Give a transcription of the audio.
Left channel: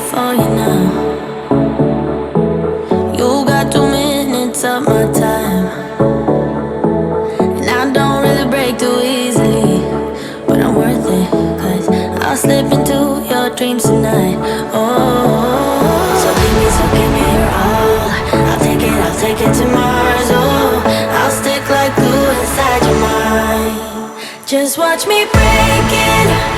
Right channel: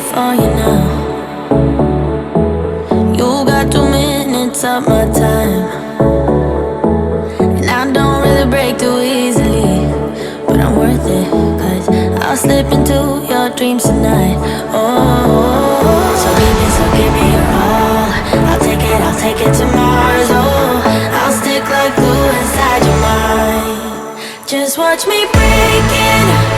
for you now. You got 2 minutes of my time, and I don't really break too easily, but I'm worth it, 'cause I'll slip into your dreams tonight. Oh, so give me your all. I'll take it to Mars. Oh, I'll stick like glue inside your mind. Just watch me break it.